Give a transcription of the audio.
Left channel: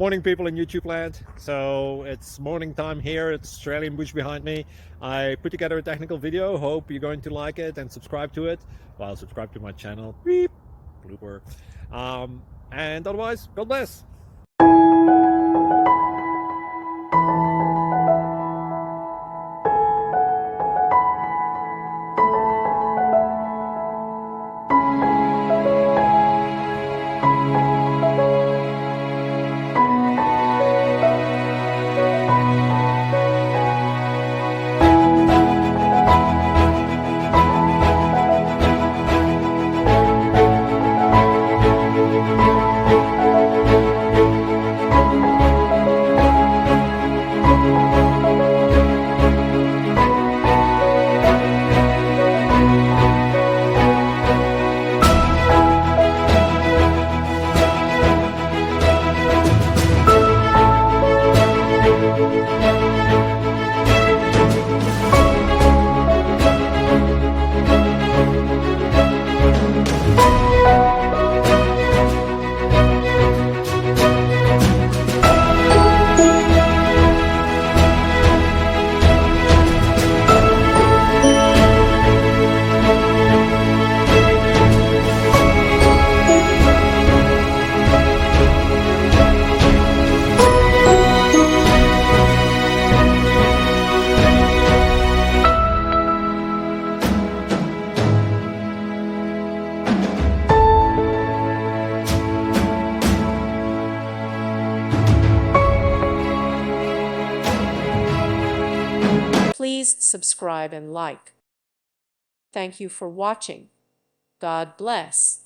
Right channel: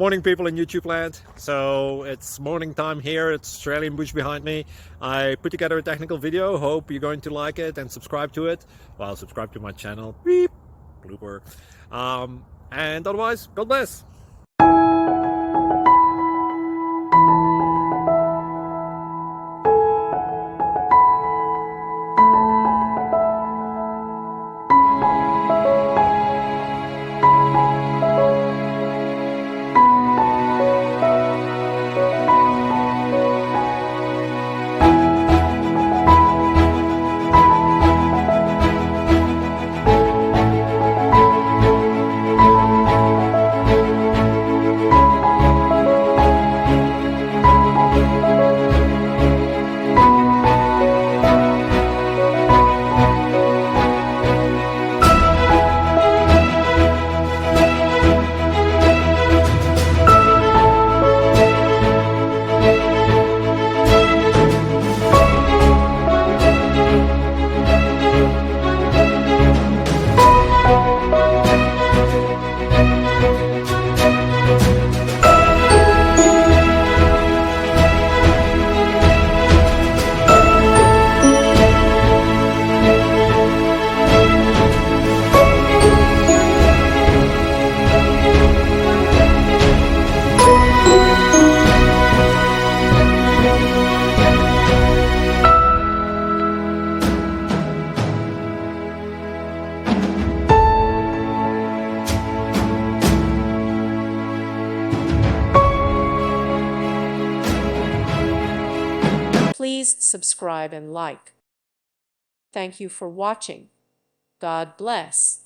Morning, people in YouTube land. So it's morning time here. It's Australian bush behind me. I put together a technical video. Hope you're going to like it and subscribe to it. Well, subscribe to my channel. Beep, blooper. And otherwise, God bless. Please subscribe and like. Thank you for watching. God bless.